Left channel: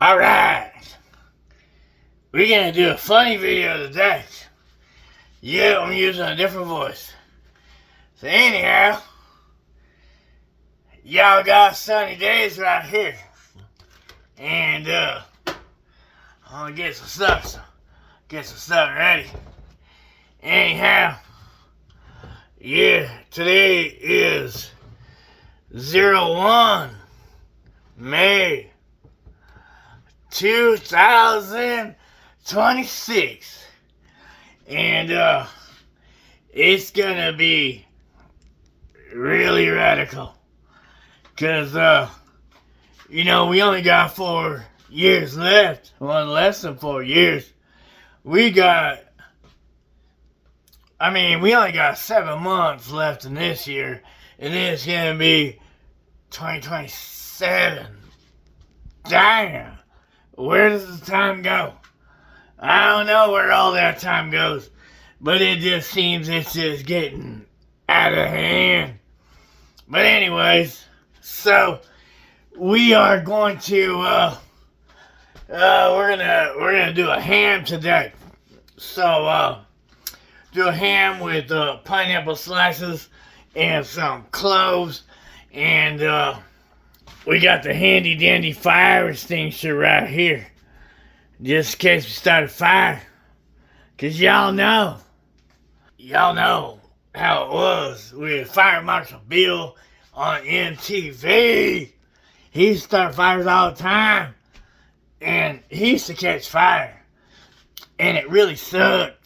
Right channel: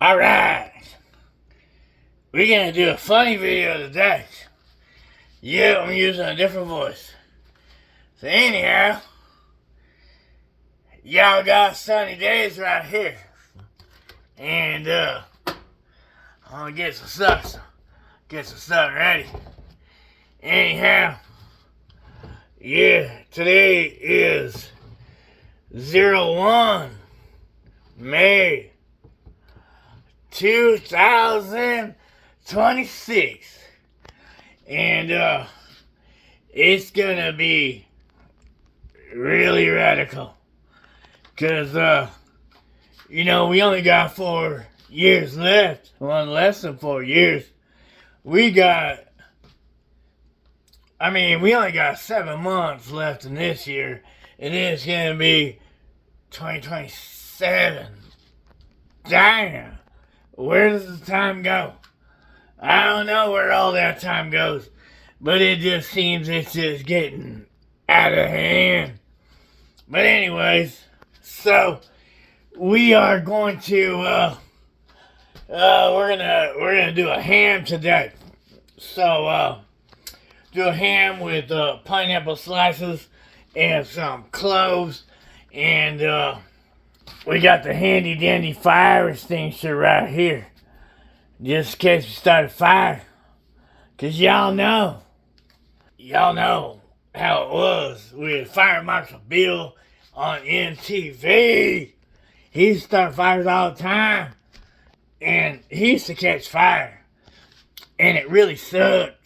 Alright, we're gonna do a funny video today. Yeah, I'm using a different voice. So anyhow, y'all got sunny days right here. And I'm gonna get some stuff ready. Anyhow, yeah, today is 01 May 2026, and it's gonna be really radical, cause we only got 4 years left. Well, less than 4 years. We only got 7 months left in this year, and it's gonna be 2027. Damn. Where does the time go? I don't know where all that time goes, but it just seems it's just getting out of hand. But anyways, so we are going to we're gonna do a ham today. So do a ham with pineapple slices and some cloves, and we got the handy dandy fire extinguisher right here, just in case we start a fire. Cause y'all know how it was with Fire Marshal Bill on MTV. He used to start fires all the time, and he used to catch fire, and it really sucked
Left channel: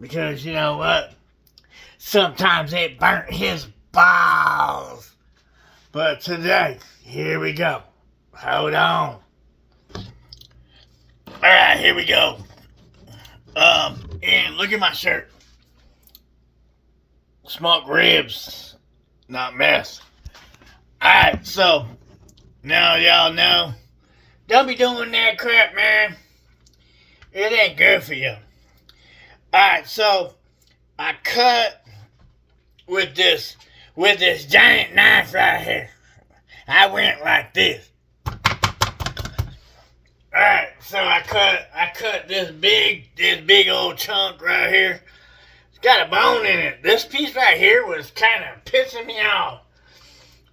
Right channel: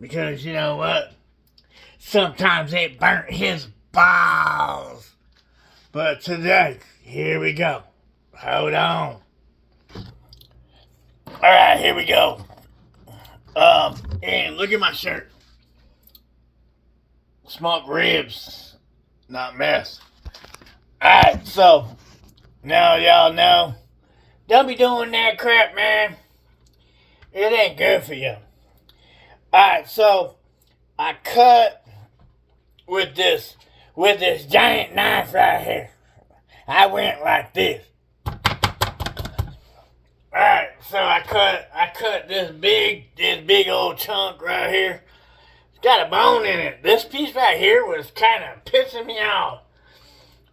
because you know what? Sometimes it burnt his balls. But today, here we go. Hold on. Alright, here we go. And look at my shirt. Smoked ribs, not mess. Alright, so now y'all know, don't be doing that crap, man. It ain't good for you. Alright, so I cut with this giant knife right here. I went like this. Alright, so I cut this big old chunk right here. It's got a bone in it. This piece right here was kind of pissing me off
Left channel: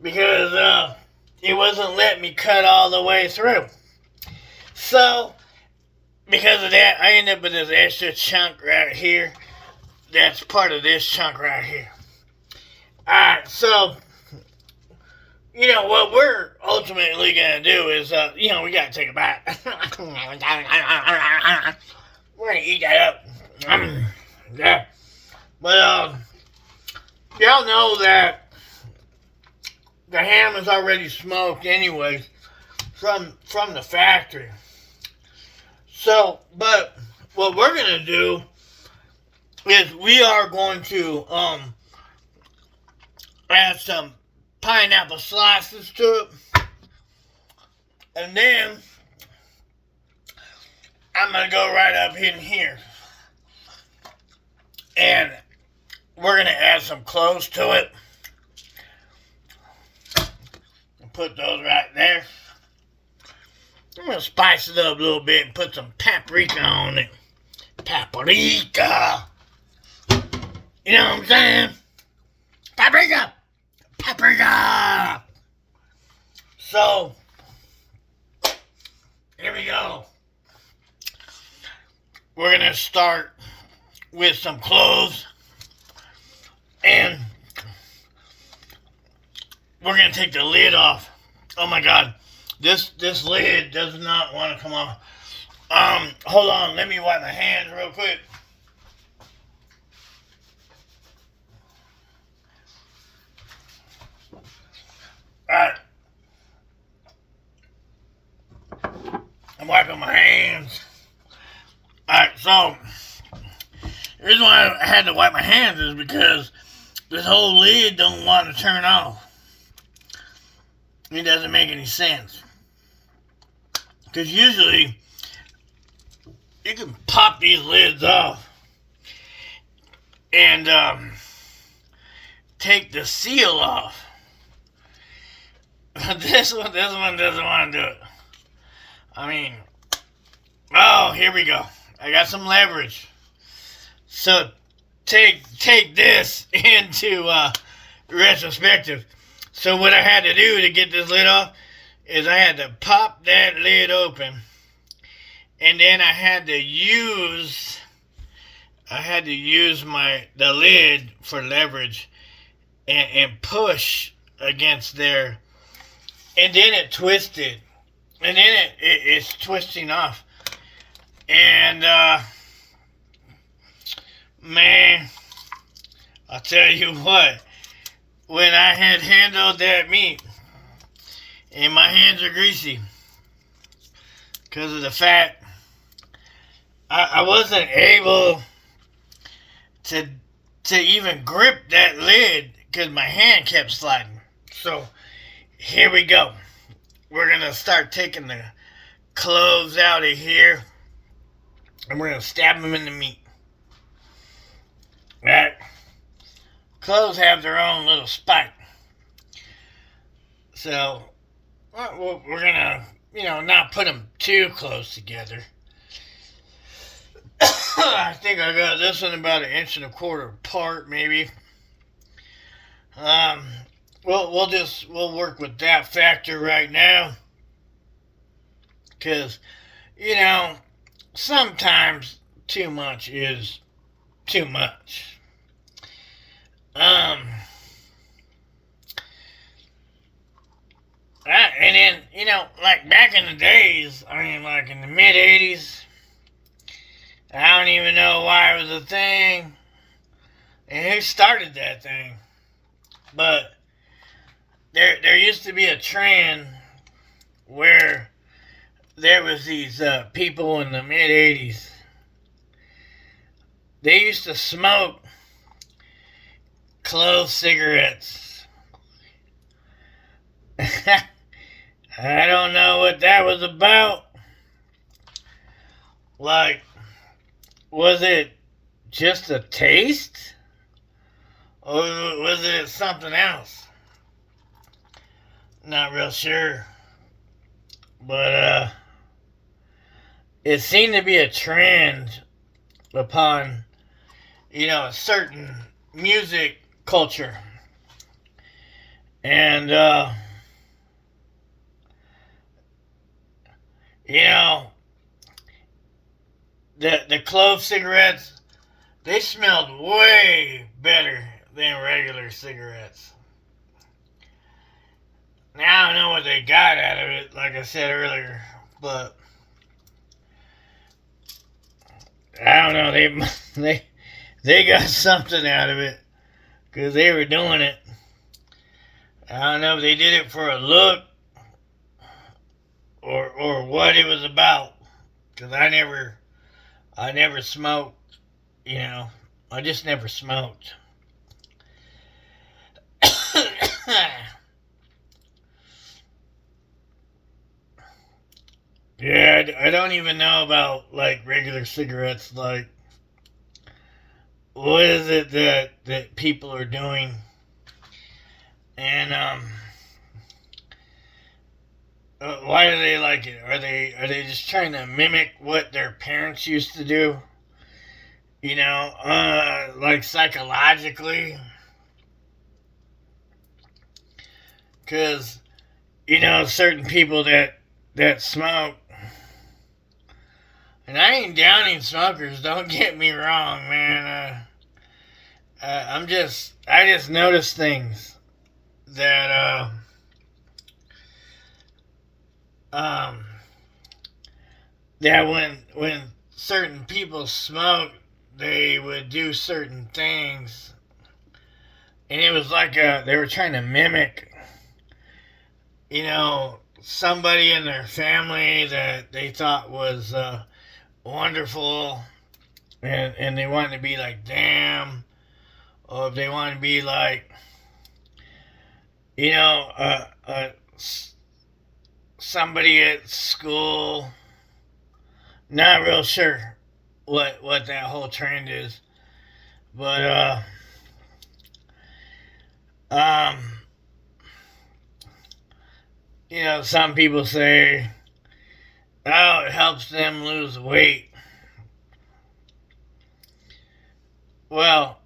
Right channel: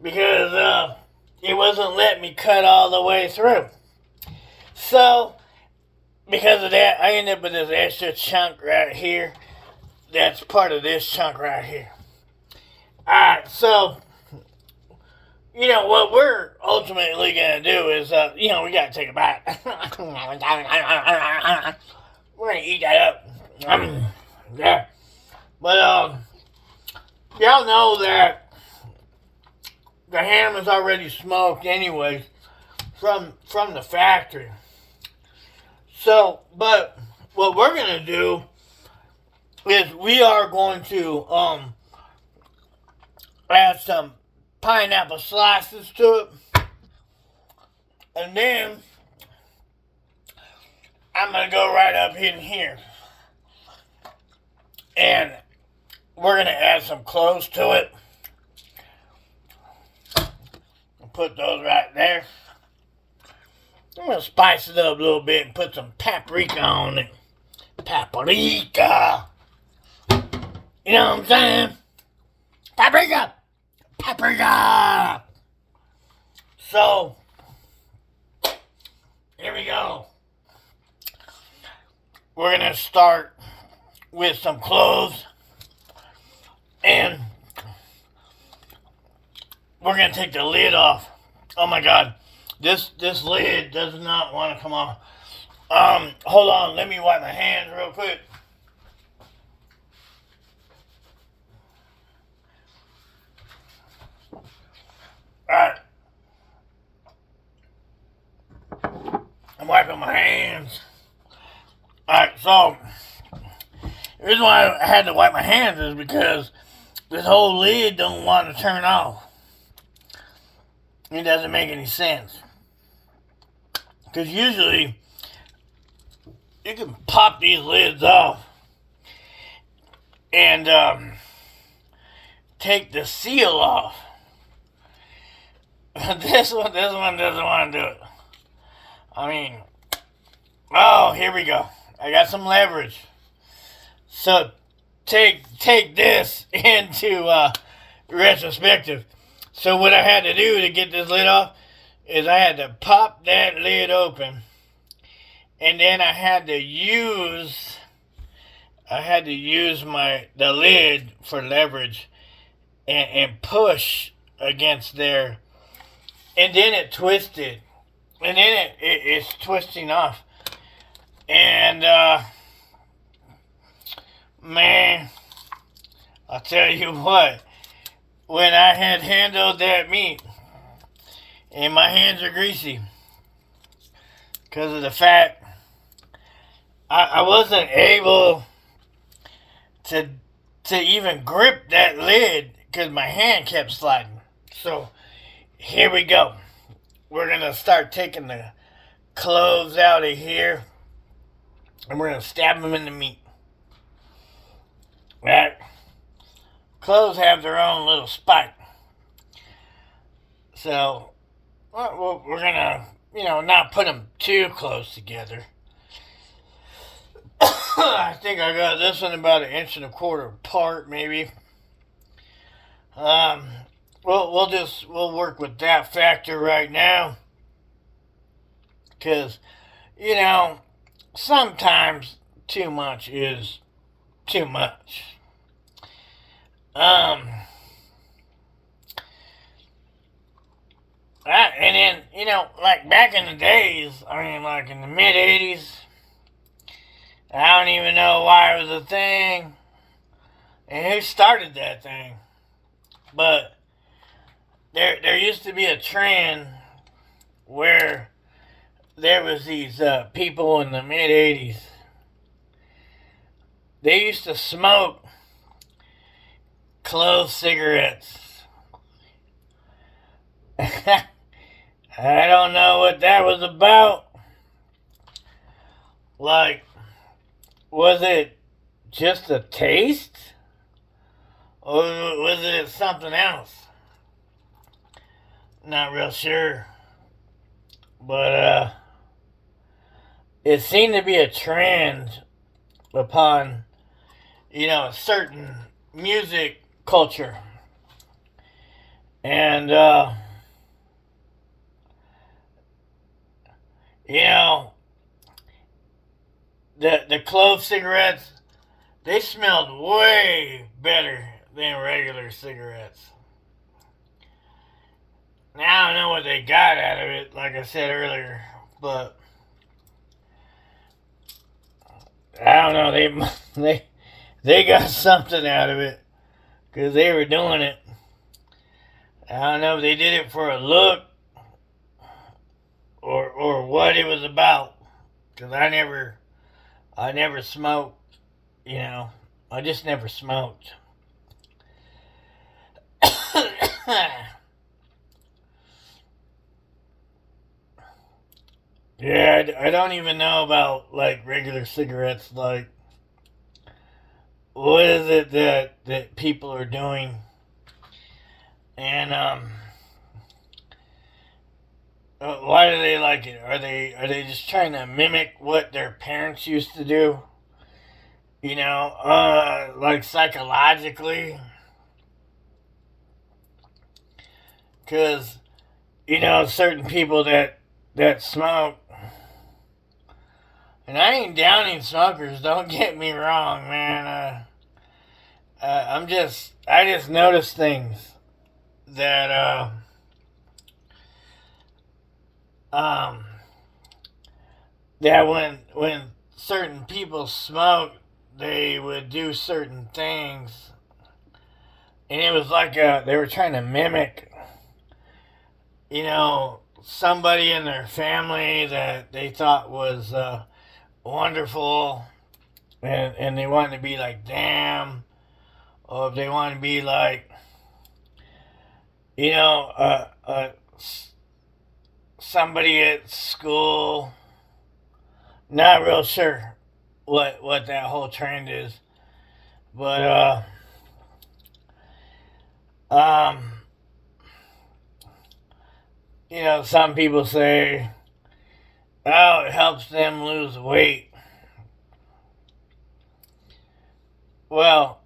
because it wasn't letting me cut all the way through. So because of that, I ended up with this extra chunk right here. That's part of this chunk right here. Alright, so what we're ultimately gonna do is, we gotta take a bite. We're gonna eat that up. Yeah. But, y'all know that the ham is already smoked anyways from the factory. So, but what we're gonna do is we are going to, add some pineapple slices to it, and then I'm gonna go right up in here and we're gonna add some cloves to it. I'll put those right there. I'm gonna spice it up a little bit and put some paprika on it. Paprika, you know what I'm saying? Paprika. So, here we go. We're gonna start with some cloves, and we're gonna take the lid off. Oh my God, this lid does not want to come off. Hold on, let me wipe my hands real quick. Alright. I'm wiping my hands. Alright, so the reason why I had to wipe my hands is because this whole lid don't want to turn off. It doesn't make any sense. Because usually you can pop these lids off and take the seal off. This one doesn't want to do it. I mean, oh, here we go. I got some leverage. So take this into retrospective. So what I had to do to get this lid off is I had to pop that lid open, and then I had to use the lid for leverage and push against there, and then it twisted, and then it's twisting off, and man, I'll tell you what, when I had handled that meat, and my hands are greasy because of the fat, I wasn't able to even grip that lid because my hand kept sliding. So here we go. We're gonna start taking the cloves out of here, and we're gonna stab them in the meat. Right? Cloves have their own little spike, so we're gonna, not put them too close together. I think I got this one about 1.25 inches apart, maybe. We'll work with that factor right now, because sometimes too much is too much. And then, like back in the days, like in the mid 80s, I don't even know why it was a thing and who started that thing, but there used to be a trend where there was these people in the mid 80s. They used to smoke clove cigarettes. I don't know what that was about. Like, was it just a taste? Or was it something else? Not real sure. But it seemed to be a trend upon, a certain music culture. And the clove cigarettes, they smelled way better than regular cigarettes. Now I don't know what they got out of it, like I said earlier, but I don't know, they got something out of it, because they were doing it. I don't know if they did it for a look or what it was about, because I never smoked, I just never smoked. Yeah, I don't even know about, like, regular cigarettes. Like, what is it that people are doing? And why do they like it? Are they just trying to mimic what their parents used to do? Like psychologically? Because, certain people that smoke, and I ain't downing smokers, don't get me wrong, man. I just notice things that that when certain people smoke, they would do certain things, and it was like they were trying to mimic, somebody in their family that they thought was wonderful, and they wanted to be like them, or if they wanted to be like, somebody at school. Not real sure what that whole trend is, but some people say how it helps them lose weight. Well,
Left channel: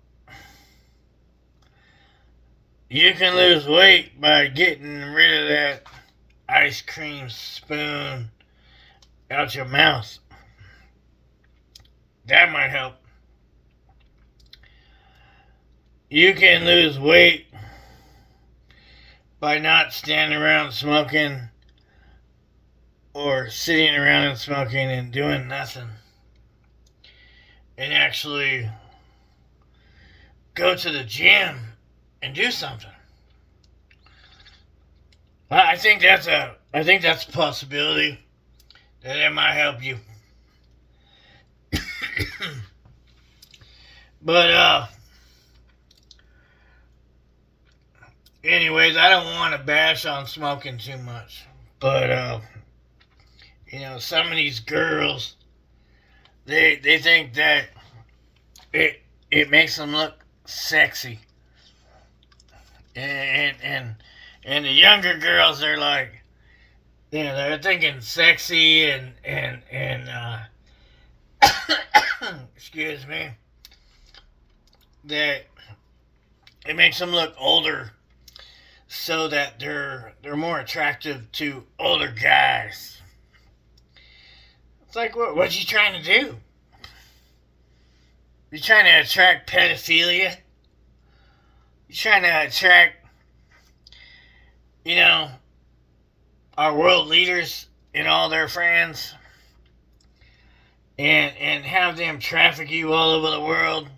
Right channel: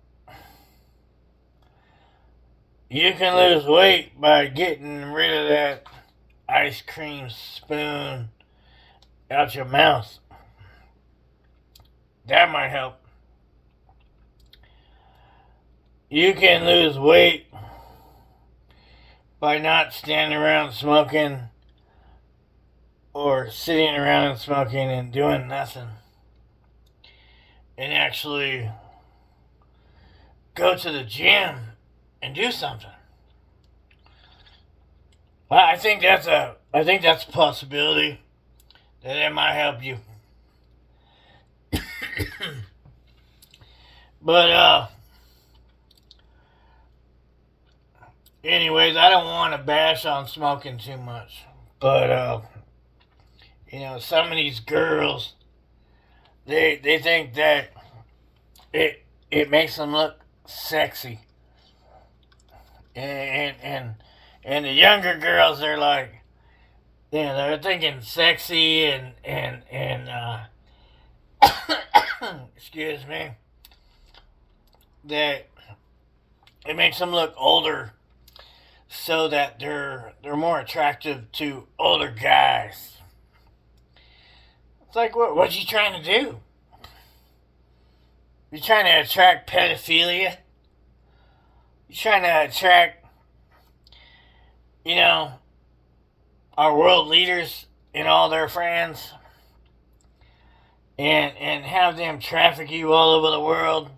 you can lose weight by getting rid of that ice cream spoon out your mouth. That might help. You can lose weight by not standing around smoking or sitting around and smoking and doing nothing. And actually go to the gym and do something. I think that's a possibility that it might help you. But anyways, I don't want to bash on smoking too much. But some of these girls, they think that it makes them look sexy. And the younger girls, they're like, they're thinking sexy and excuse me, that it makes them look older, so that they're more attractive to older guys. It's like, what you trying to do? You trying to attract pedophilia? You trying to attract, our world leaders and all their friends, and have them traffic you all over the world?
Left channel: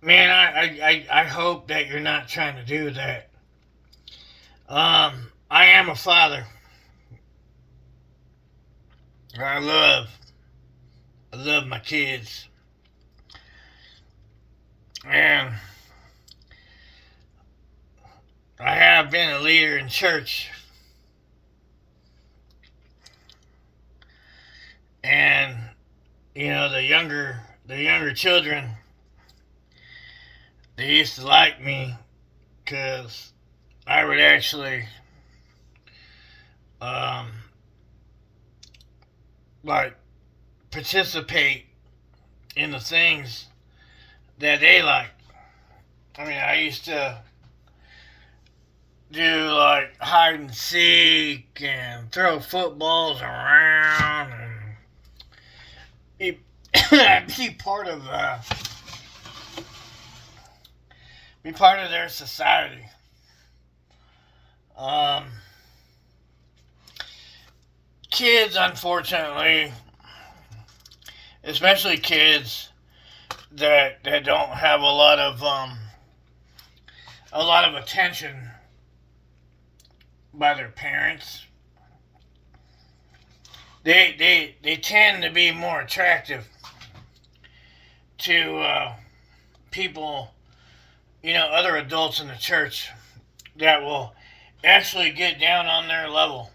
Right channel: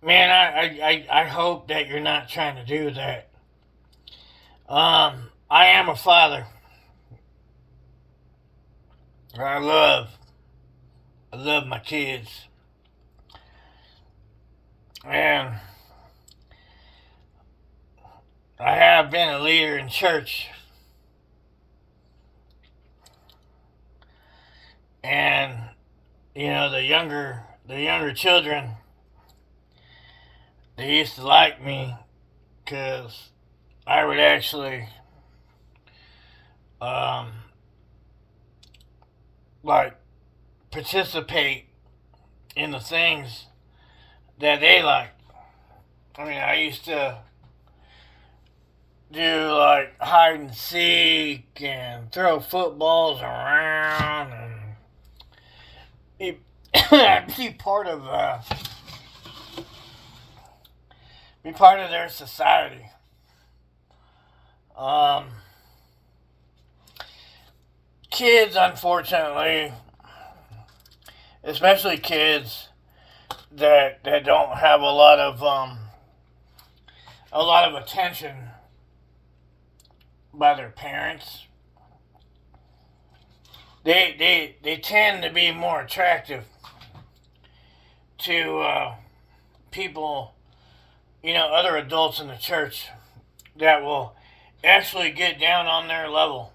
Man, I hope that you're not trying to do that. I am a father. I love my kids. And I have been a leader in church. And the younger children, they used to like me because I would actually like participate in the things that they like. I mean, I used to do like hide and seek and throw footballs around and be part of their society. Kids, unfortunately, especially kids that don't have a lot of attention by their parents, they tend to be more attractive to people, other adults in the church that will actually get down on their level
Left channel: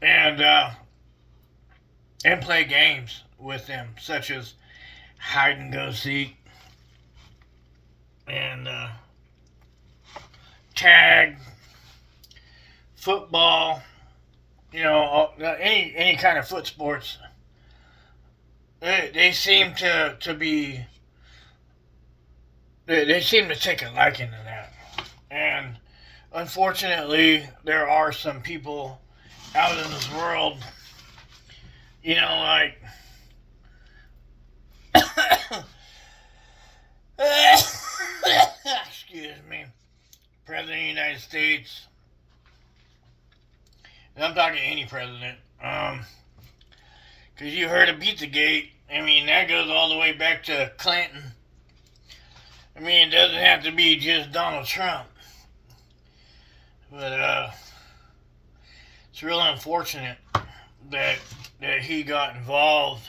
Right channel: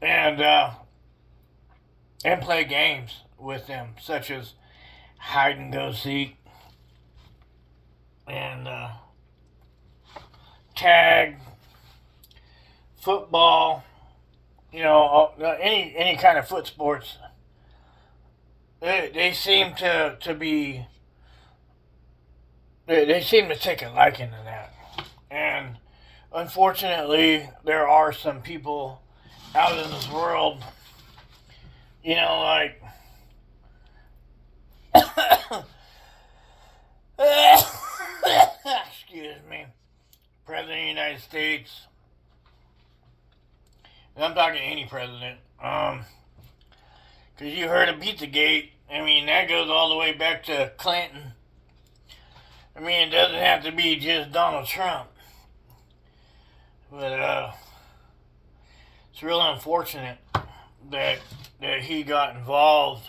and play games with them, such as hide and go seek and tag, football, any kind of foot sports. They seem to be. They seem to take a liking to that, and unfortunately, there are some people out in this world, like excuse me, President of the United States, and I'm talking any president, because you heard of Pizzagate. I mean, that goes all the way back to Clinton. I mean, it doesn't have to be just Donald Trump, but it's real unfortunate that he got involved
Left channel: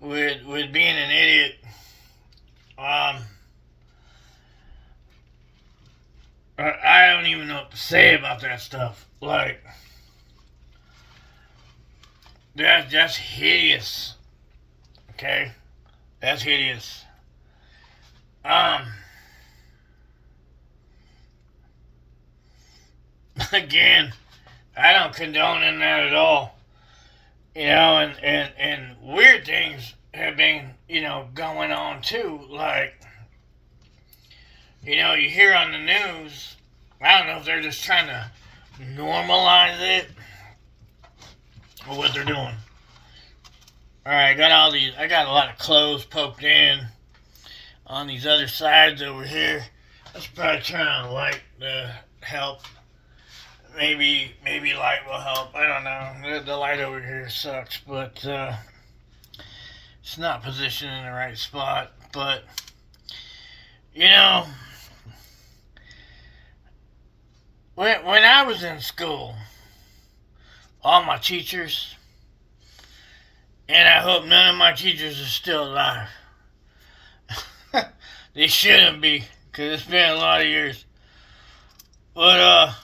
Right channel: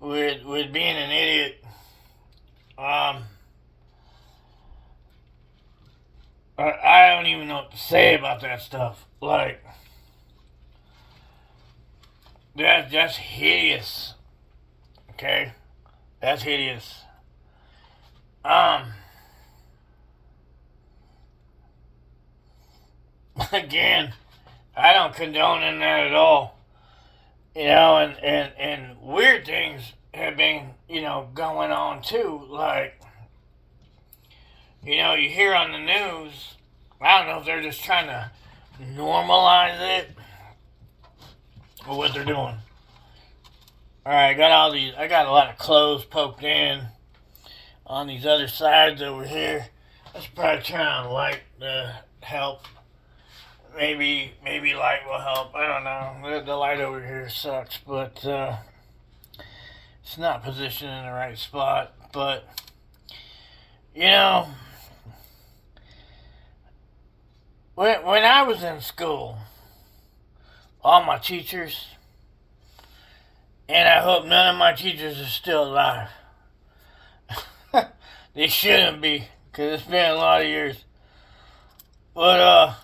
with being an idiot. I don't even know what to say about that stuff. Like, that's hideous. Okay, that's hideous. Again, I don't condone in that at all. You know, and weird things have been, going on too. Like, you hear on the news, I don't know if they're just trying to normalize it or what they're doing. Alright, I got a lot of clothes poked in on these other sides over here. Let's probably turn on a light to help. Maybe light will help. I don't know. The light over here sucks, but it's not positioned in the right spot. But, when I was in school, all my teachers, and I hope none of my teachers are still alive. They shouldn't be, because it's been a lot of years. But,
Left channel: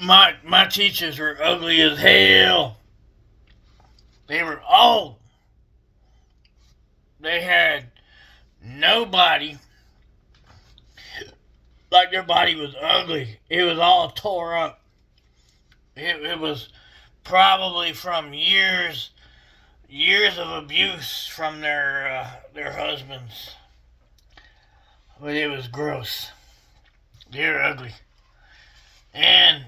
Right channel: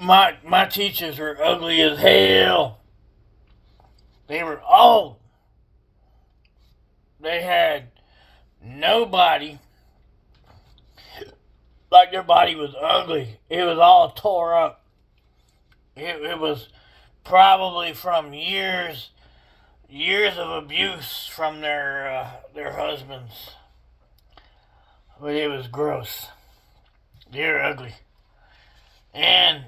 my teachers were ugly as hell. They were old. They had no body. Like their body was ugly. It was all tore up. It was probably from years of abuse from their husbands. But it was gross. They were ugly. And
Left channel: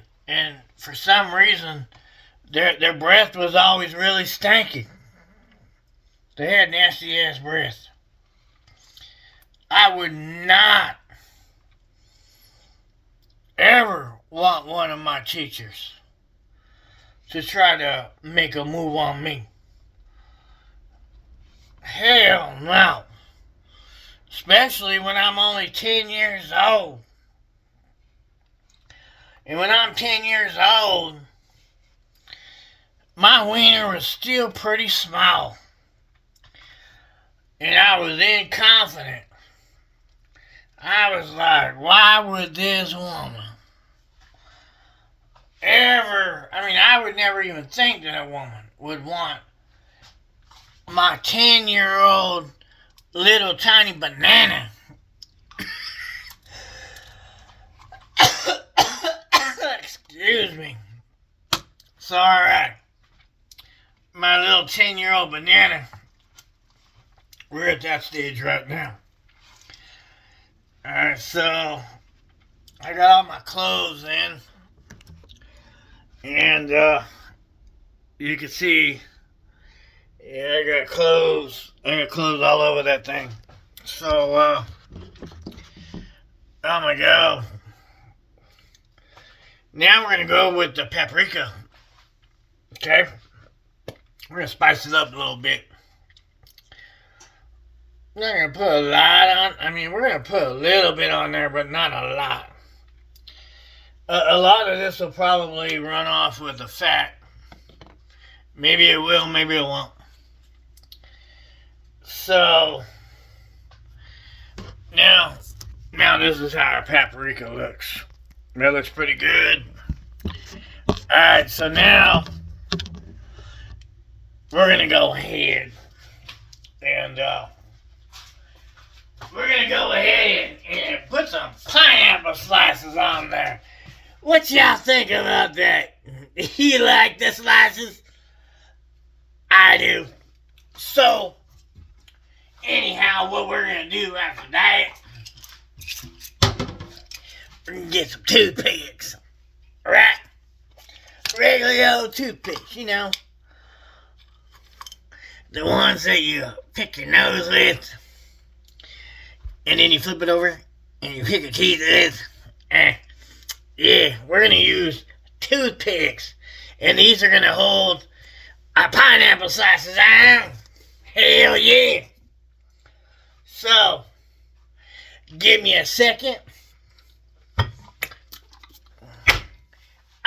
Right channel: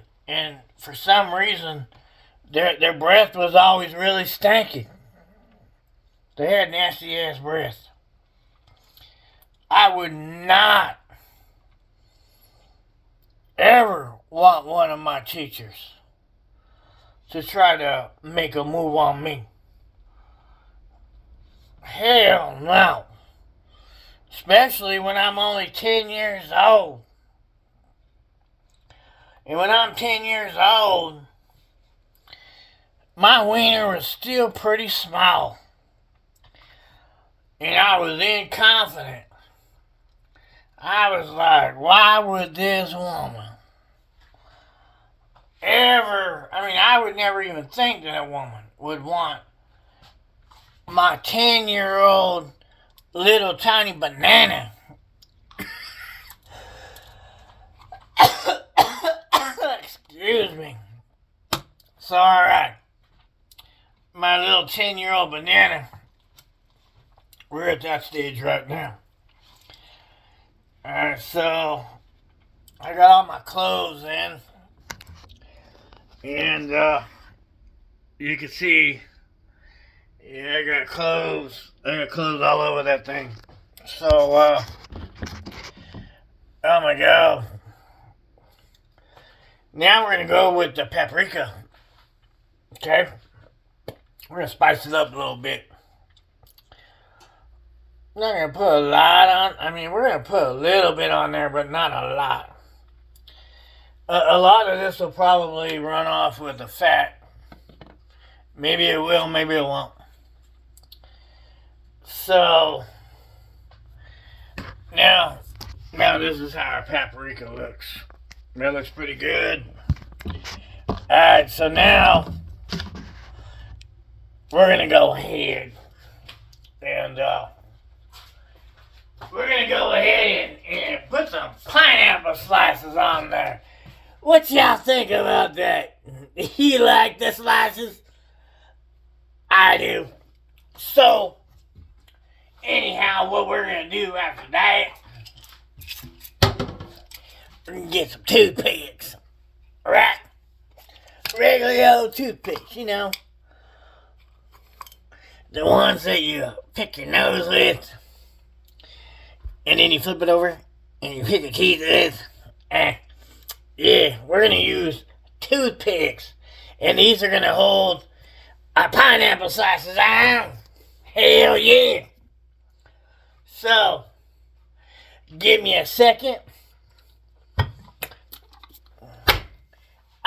for some reason, their breath was always really stanky. They had nasty ass breath. I would not ever want one of my teachers to try to make a move on me. Hell no. Especially when I'm only 10 years old. And when I'm 10 years old, my wiener was still pretty small. And I was inconfident. I was like, why would this woman I would never even think that a woman would want my 10-year-old little tiny banana. Excuse me. So, alright. My little 10-year-old banana. We're at that stage right now. Alright, so I got all my clothes in. And you can see, I got clothes all over that thing. So I'm gonna go. Now we're gonna go with the paprika. Okay? We're gonna spice it up a little bit. I'm not gonna put a lot on. We're gonna put a little bit on there, but not a lot. A lot of this will probably run off with the fat. Maybe it will, maybe it won't. So, now this is how our paprika looks. That looks pretty good. Alright, so now we're going to go ahead and put some pineapple slices on there. What y'all think about that? You like the slices? I do. So, anyhow, what we're going to do after that, we're going to get some toothpicks. Right? Regular old toothpicks, The ones that you pick your nose with, and then you flip it over, and you pick your teeth with. Yeah, we're going to use toothpicks. And these are going to hold our pineapple slices on. Hell yeah. So, give me a second.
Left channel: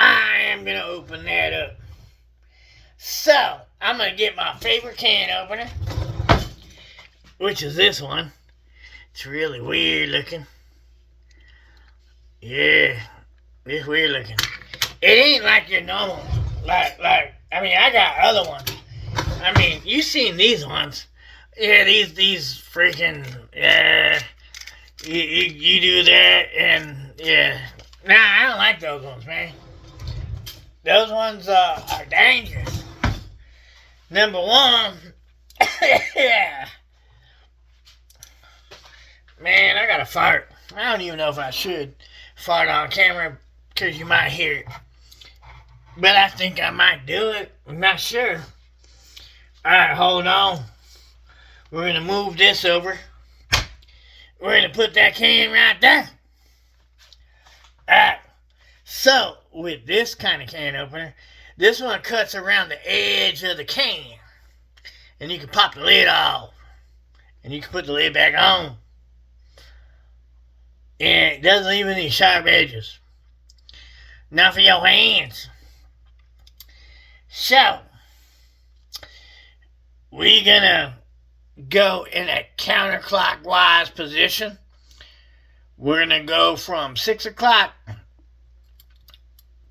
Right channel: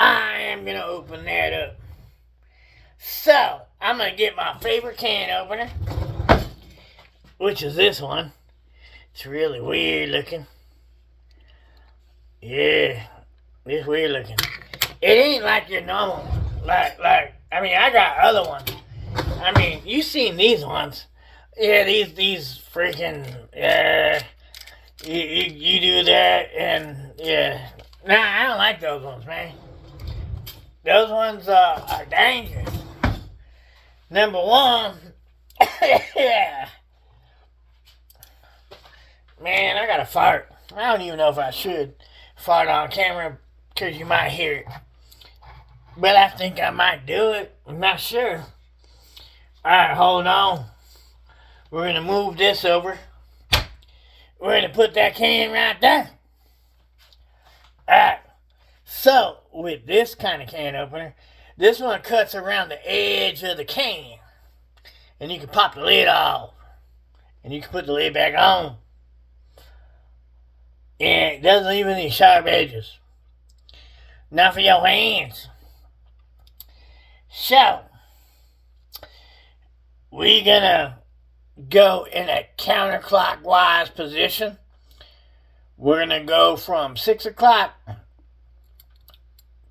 I am going to open that up. So, I'm going to get my favorite can opener, which is this one. It's really weird looking. Yeah. It's weird looking. It ain't like your normal, I got other ones. You seen these ones. Yeah, these freaking, you do that, and, yeah. Nah, I don't like those ones, man. Those ones are dangerous. Number one, yeah. Man, I gotta fart. I don't even know if I should fart on camera because you might hear it. But I think I might do it. I'm not sure. Alright, hold on. We're gonna move this over. We're gonna put that can right there. Alright. So, with this kind of can opener, this one cuts around the edge of the can. And you can pop the lid off. And you can put the lid back on. And it doesn't leave any sharp edges. Now for your hands. So, we're gonna go in a counterclockwise position. We're gonna go from 6 o'clock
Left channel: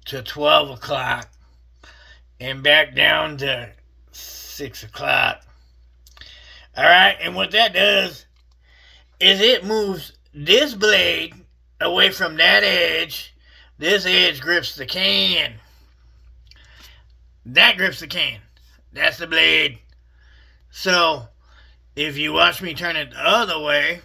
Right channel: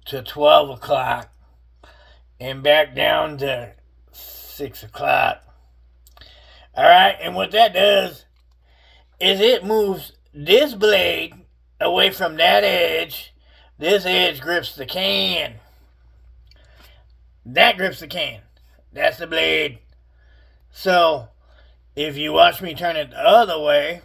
to 12 o'clock and back down to 6 o'clock. Alright, and what that does is it moves this blade away from that edge. This edge grips the can. That grips the can. That's the blade. So, if you watch me turn it the other way,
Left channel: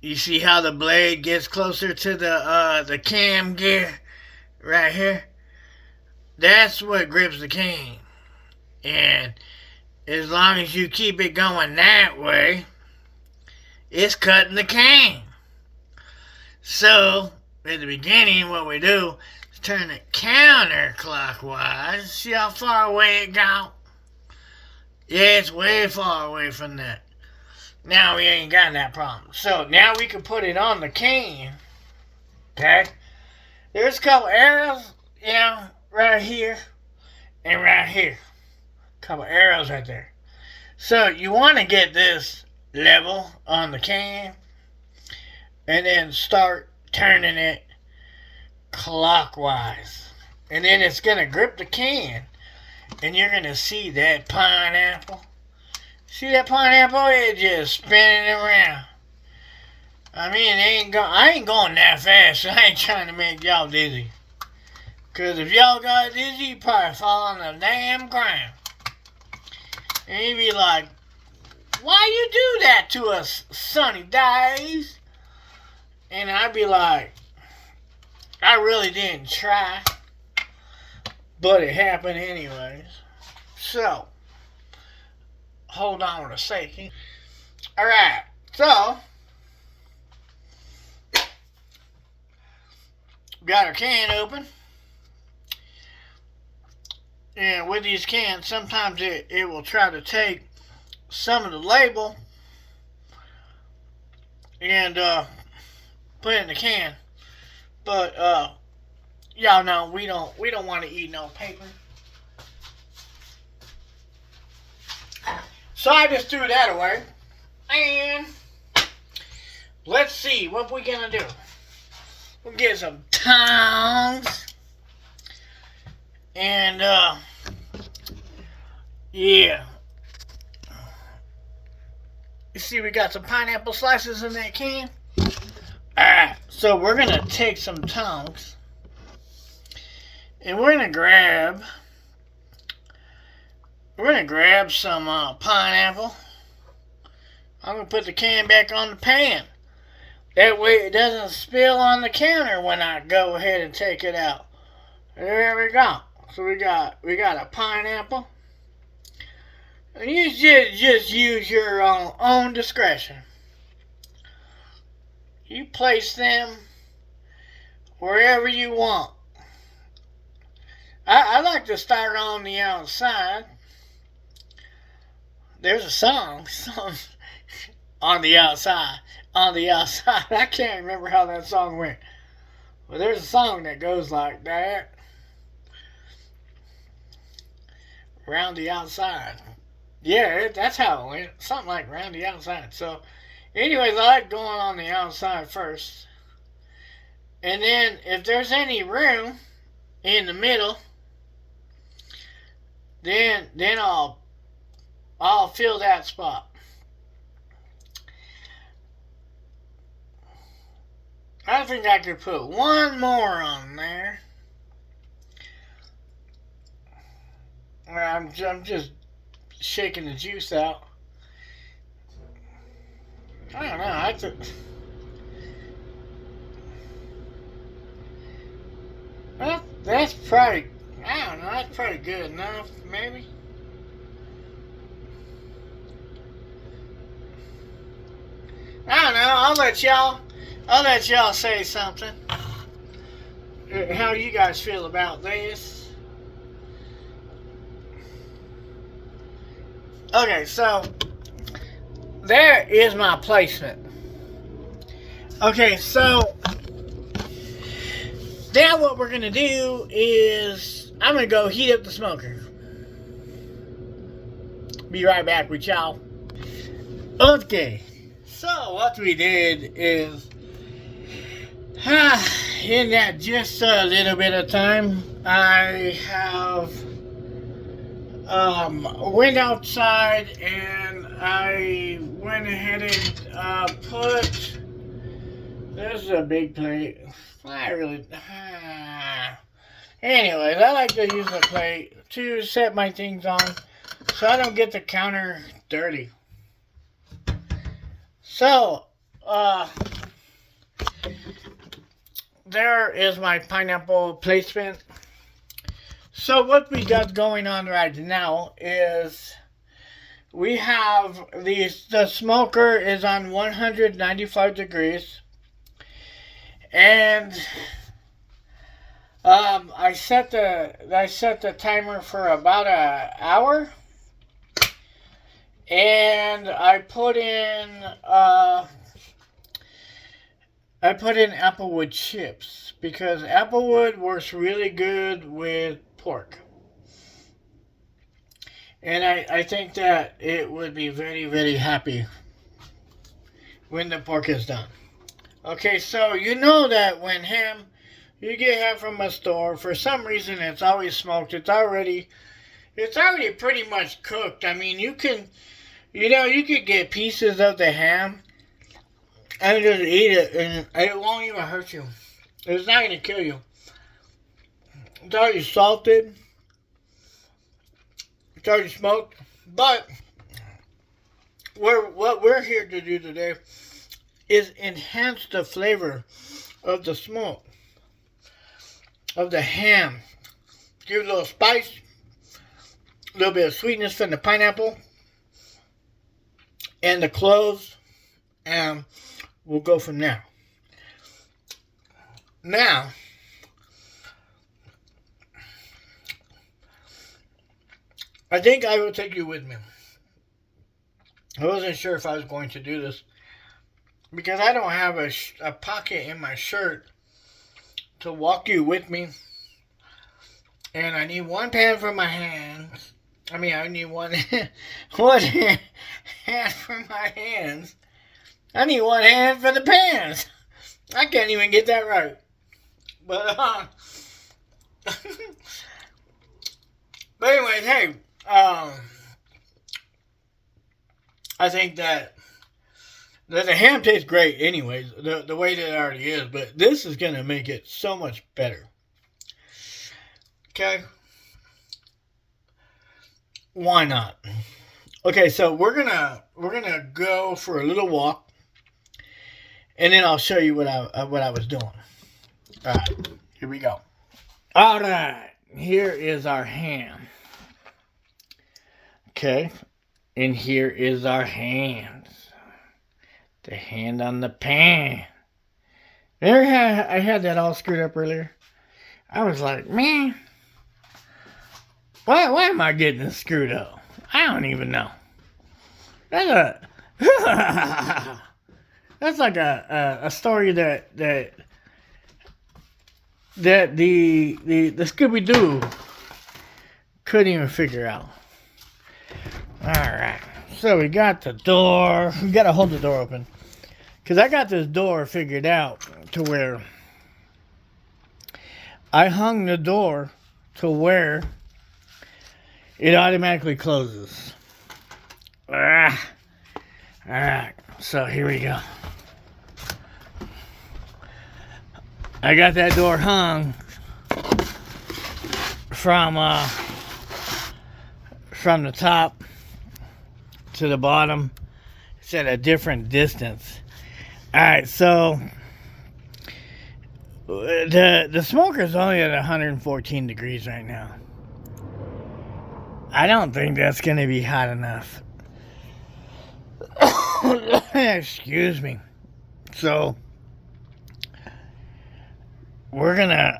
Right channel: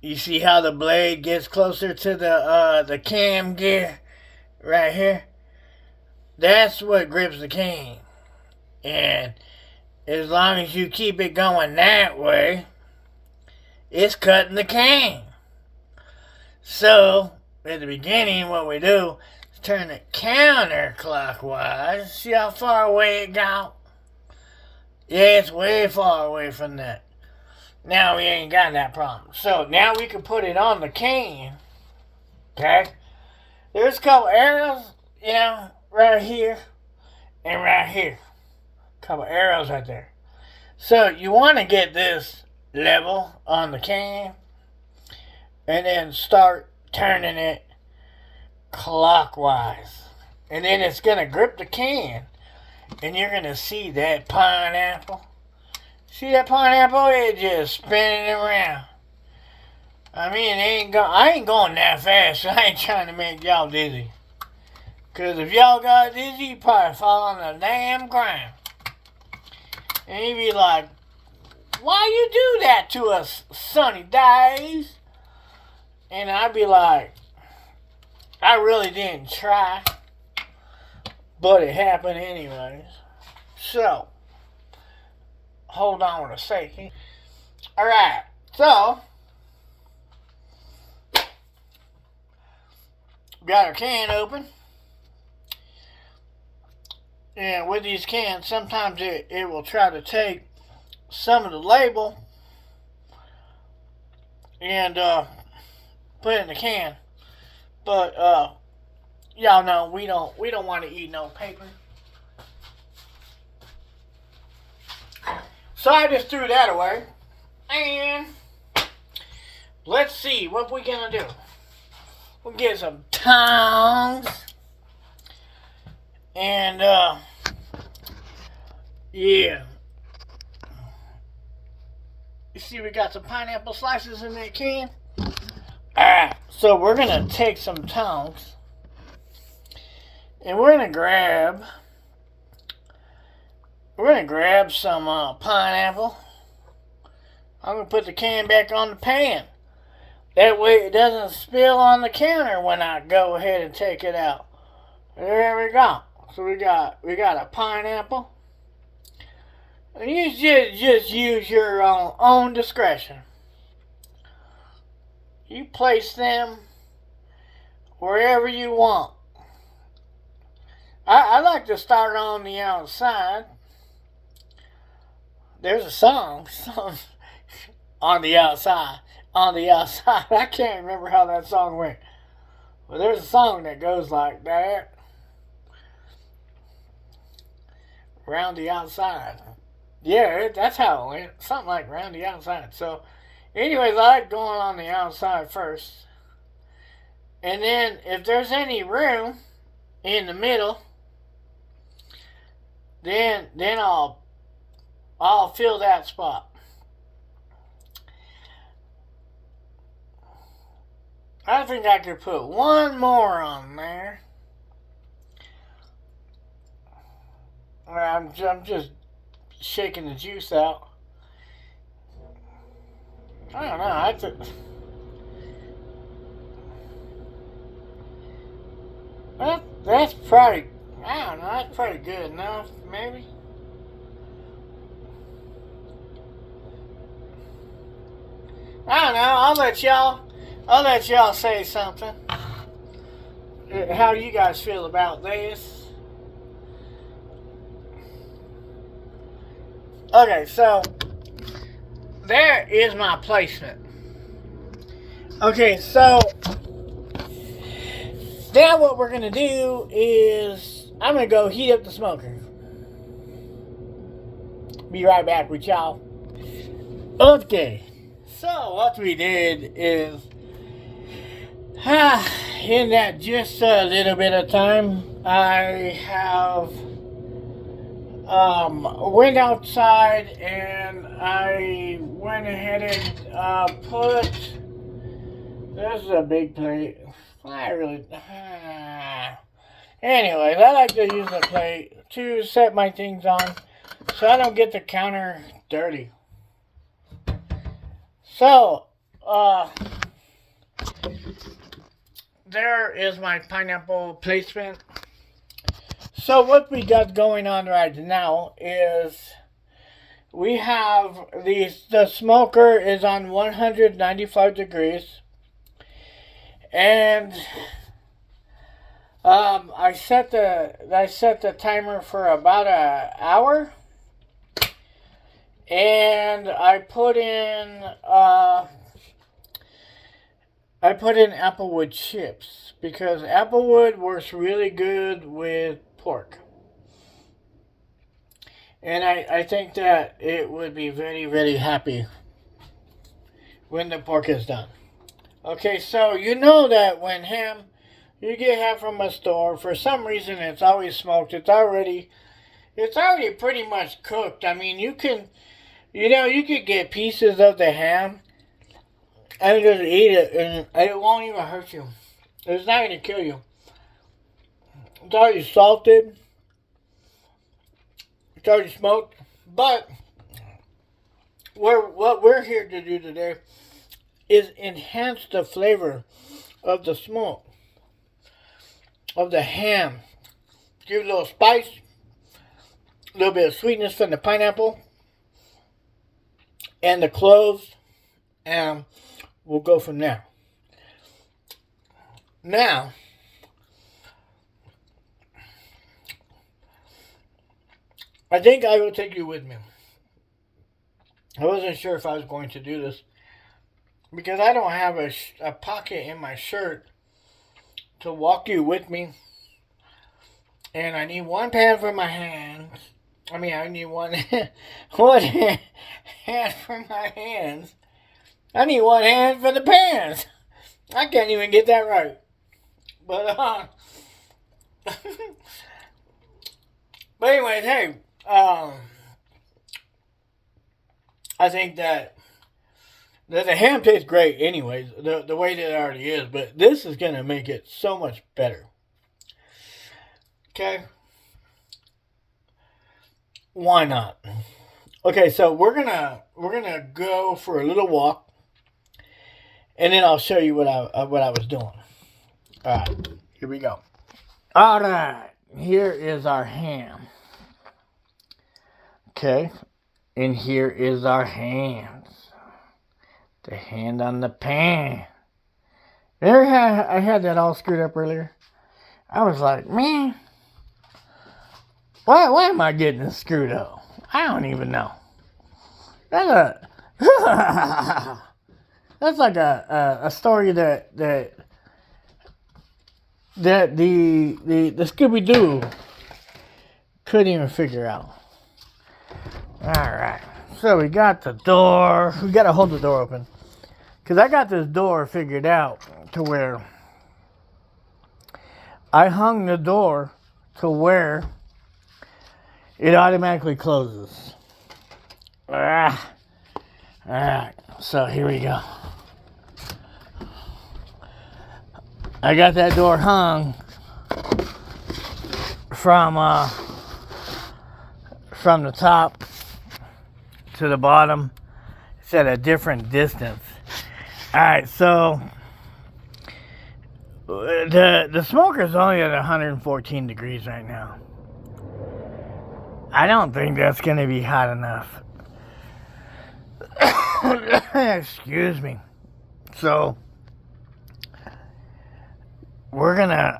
you see how the blade gets closer to the cam gear right here? That's what grips the can. And as long as you keep it going that way, it's cutting the can. So, at the beginning, what we do is turn it counterclockwise. See how far away it got? Yeah, it's way far away from that. Now we ain't got that problem. So, now we can put it on the can. Okay? There's a couple arrows, right here and right here. A couple arrows right there. So, you want to get this level on the can and then start turning it clockwise. And then it's going to grip the can and you're going to see that pineapple. See that pineapple? It's just spinning around. I mean, I ain't going that fast, so I ain't trying to make y'all dizzy. Because if y'all got dizzy, you probably fall on the damn ground. And you'd be like, why you do that to us, sunny days? And I'd be like, I really didn't try. But it happened anyways. So, hold on a second. Alright, so, got our can open. And with these cans, sometimes it will try to take some of the label and put it in the can. But y'all know we don't want to eat no paper. So I just threw that away. And let's see what we're gonna do. We'll get some tongs. And yeah. You see we got some pineapple slices in that can. Alright, so we're gonna take some tongs and we're gonna grab some pineapple. I'm gonna put the can back on the pan. That way it doesn't spill on the counter when I go ahead and take it out. There we go. So we got a pineapple. And you just use your own discretion. You place them wherever you want. I like to start on the outside. There's a song on the outside. On the outside. I can't remember how that song went. But there's a song that goes like that. Round the outside. Yeah, that's how it went. Something like round the outside. So, anyways, I like going on the outside first. And then, if there's any room in the middle, then I'll fill that spot. I think I could put one more on there. I'm just shaking the juice out. I don't know. That's probably, I don't know, that's probably good enough, maybe. I don't know, I'll let y'all say something. How do you guys feel about this? Okay, so there is my placement. Okay, so now what we're gonna do is I'm gonna go heat up the smoker. Be right back with y'all. Okay, so what we did is, in that just a little bit of time, I have went outside and I went ahead and put. This is a big plate. I really. Anyways, I like to use a plate to set my things on so I don't get the counter dirty. So, there is my pineapple placement. So what we got going on right now is we have the smoker is on 195 degrees, and I set the timer for about an hour, and I put in Applewood chips because Applewood works really good with pork. And I think that it would be very, very happy when the pork is done. Okay, so you know that when you get ham from a store, for some reason it's always smoked. It's already pretty much cooked. I mean, you could get pieces of the ham and just eat it, and it won't even hurt you. It's not going to kill you. It's already salted. It's already smoked. But what we're here to do today is enhance the flavor of the smoke, of the ham. Give it a little spice, a little bit of sweetness from the pineapple and the cloves, and we'll go from there. Now, I think I will take you with me. I wasn't sure if I was going to do this because I don't have a pocket in my shirt to walk you with me. And I need one pan for my hands. I need one hand for my hands. I need one hand for the pans. I can't even get that right. But but anyways, hey, I think that the ham tastes great anyways, the way that it already is, but this is going to make it so much better. Okay? Why not? Okay, so we're gonna go for a little walk, and then I'll show you what I was doing. All right, here we go. All right, here is our ham. Okay, and here is our hands. The hand on the pan. I had that all screwed up earlier. I was like, man, why am I getting this screwed up? I don't even know. That's like a story that the Scooby-Doo couldn't even figure out. Alright, so we got the door. We got to hold the door open, because I got this door figured out to where I hung the door to where it automatically closes. Alright, so here we go. I got that door hung from the top to the bottom. It's at a different distance. Alright, so the smoker's only at 114 degrees right now. I don't think that's going to be hot enough. Excuse me. So we're gonna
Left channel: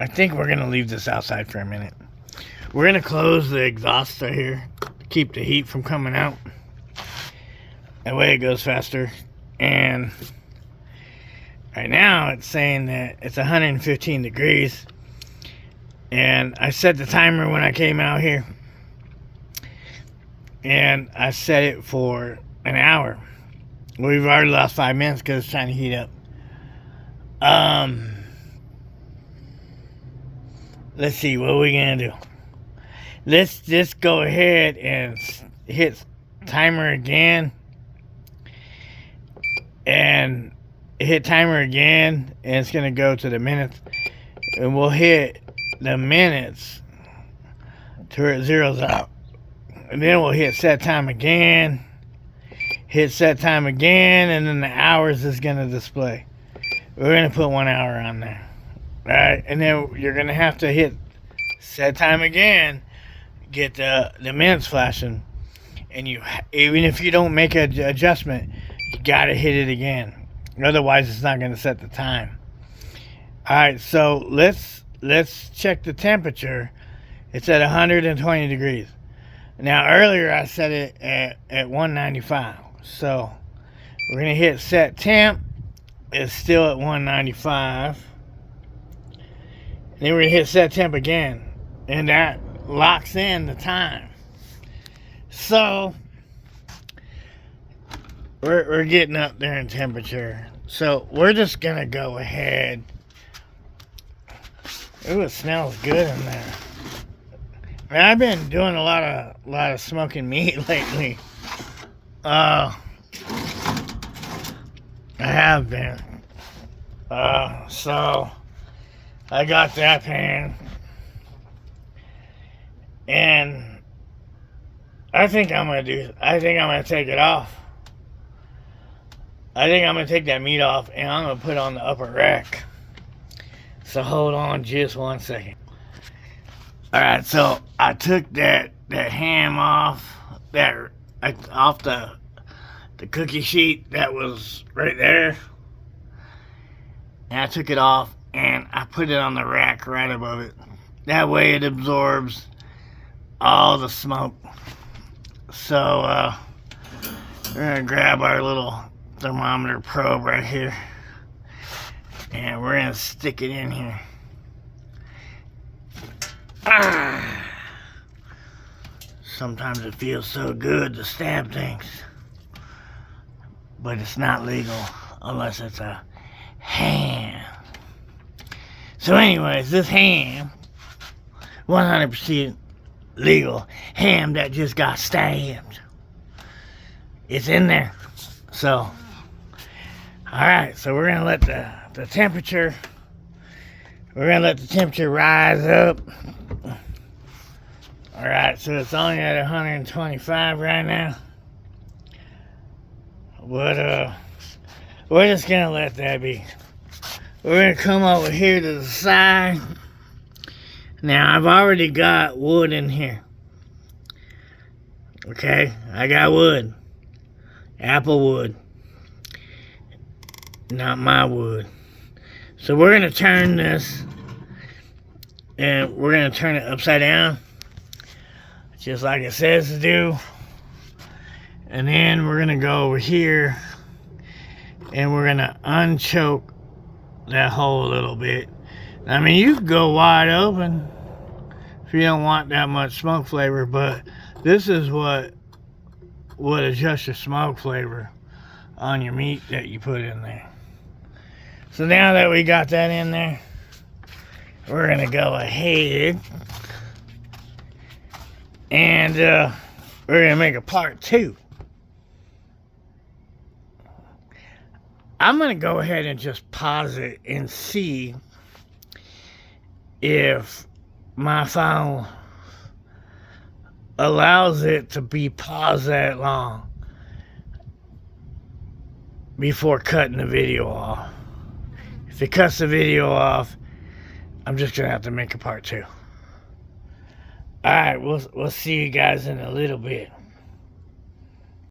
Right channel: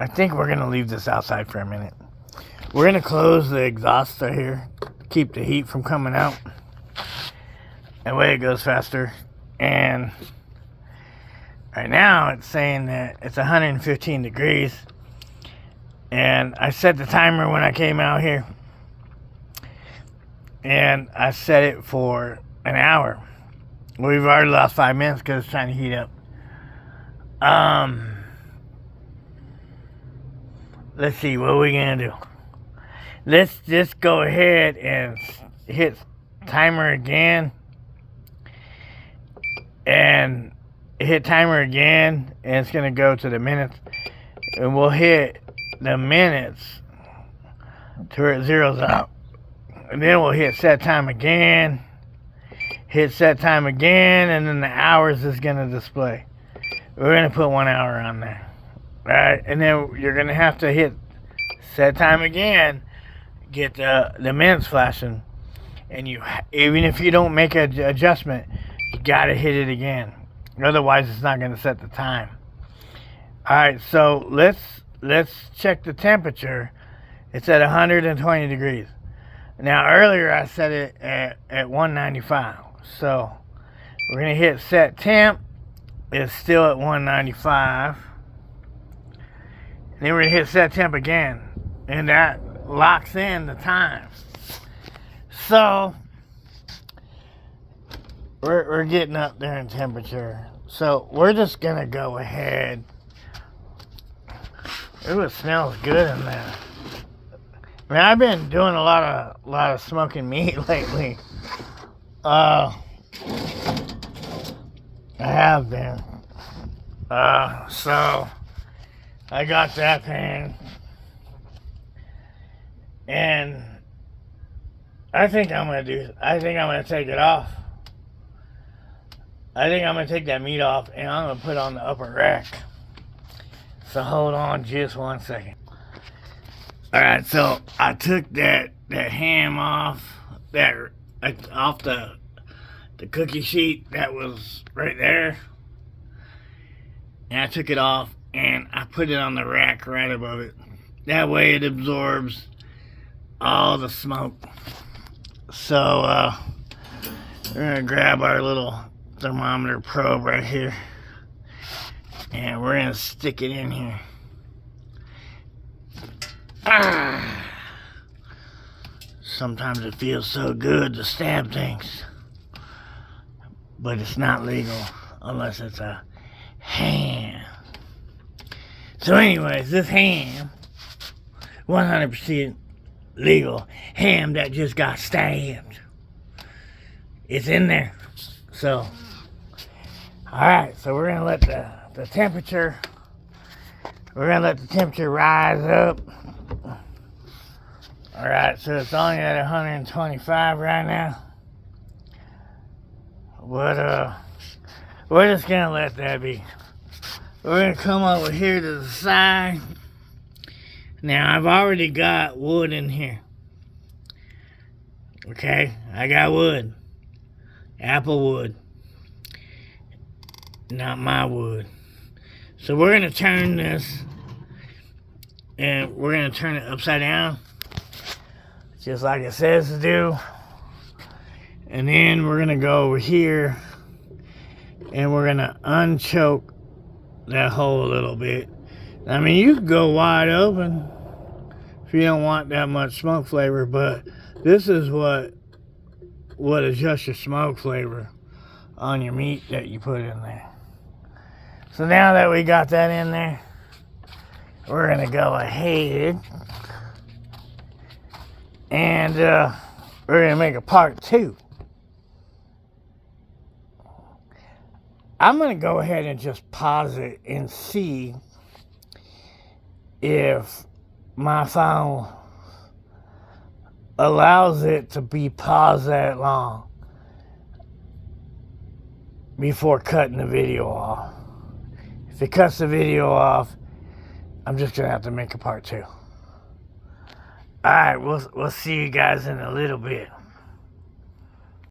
I think we're gonna leave this outside for a minute. We're gonna close the exhaust right here to keep the heat from coming out. That way it goes faster. And right now it's saying that it's 115 degrees. And I set the timer when I came out here. And I set it for an hour. We've already lost 5 minutes because it's trying to heat up. Let's see, what are we going to do? Let's just go ahead and hit timer again. And hit timer again. And it's going to go to the minutes. And we'll hit the minutes to where it zeroes out. And then we'll hit set time again. Hit set time again. And then the hours is going to display. We're going to put 1 hour on there. Right? And then you're going to have to hit set time again. Get the minutes flashing. And even if you don't make an adjustment, you got to hit it again. Otherwise, it's not going to set the time. Alright, so let's check the temperature. It's at 120 degrees. Now, earlier I set it at 195. So, we're going to hit set temp. It's still at 195. Then we're going to hit set temp again. And that locks in the time. So, we're getting up there in temperature. So, we're just going to go ahead. Ooh, it smells good in there. Man, I've been doing a lot of smoking meat lately. I have been. So I got that pan, and I think I'm gonna take it off. I think I'm gonna take that meat off, and I'm gonna put it on the upper rack. So hold on just 1 second. Alright, so I took that ham off the cookie sheet that was right there. And I took it off and I put it on the rack right above it. That way it absorbs all the smoke. So we're gonna grab our little thermometer probe right here. And we're gonna stick it in here. Sometimes it feels so good to stab things. But it's not legal unless it's a ham. So anyways, this ham, 100% legal ham that just got stabbed. It's in there. So, alright, so we're gonna let the temperature, rise up. Alright, so it's only at 125 right now. But we're just gonna let that be. We're gonna come over here to the side. Now I've already got wood in here. Okay, I got wood. Applewood. Not my wood. So we're gonna turn this, and we're gonna turn it upside down, just like it says to do. And then we're gonna go over here, and we're gonna unchoke that hole a little bit. I mean, you can go wide open if you don't want that much smoke flavor, but this is what adjusts your smoke flavor on your meat that you put in there. So now that we got that in there, we're gonna go ahead and we're gonna make a part 2. I'm going to go ahead and just pause it and see if my phone allows it to be paused that long before cutting the video off. If it cuts the video off, I'm just going to have to make a part 2. Alright, we'll see you guys in a little bit.